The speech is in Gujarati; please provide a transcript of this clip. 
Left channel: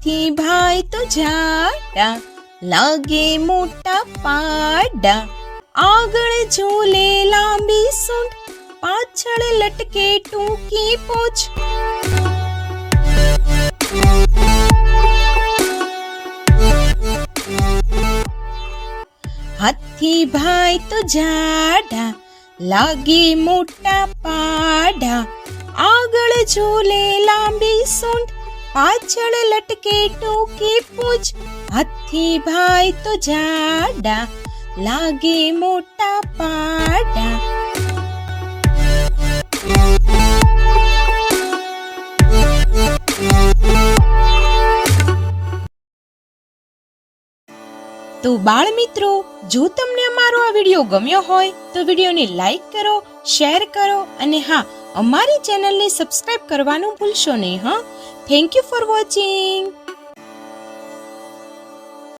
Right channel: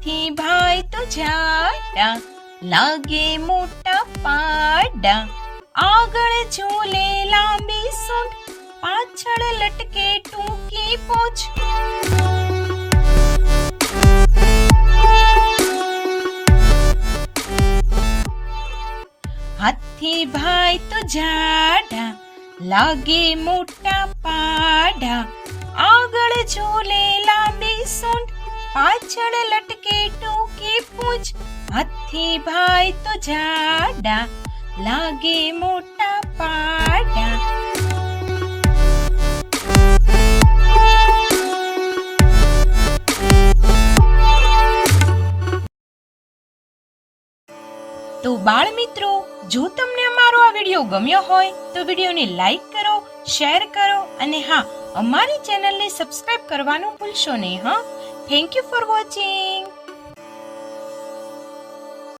હાથી ભાઈ તો જાડા, લાગે મોટા પાડા, આગળ ઝૂલે લાંબી સૂંઢ, પાછળ લટકે ટૂંકી પૂંછ. હાથી ભાઈ તો જાડા, લાગે મોટા પાડા, આગળ ઝૂલે લાંબી સૂંઢ, પાછળ લટકે ટૂંકી પૂંછ. હાથી ભાઈ તો જાડા, લાગે મોટા પાડા. તો બાળ મિત્રો, જો તમને અમારો આ વિડીયો ગમ્યો હોય તો વિડીયોને લાઈક કરો, શેર કરો અને હા, અમારી ચેનલને સબસ્ક્રાઇબ કરવાનું ભૂલશો નહીં. Thank you for watching.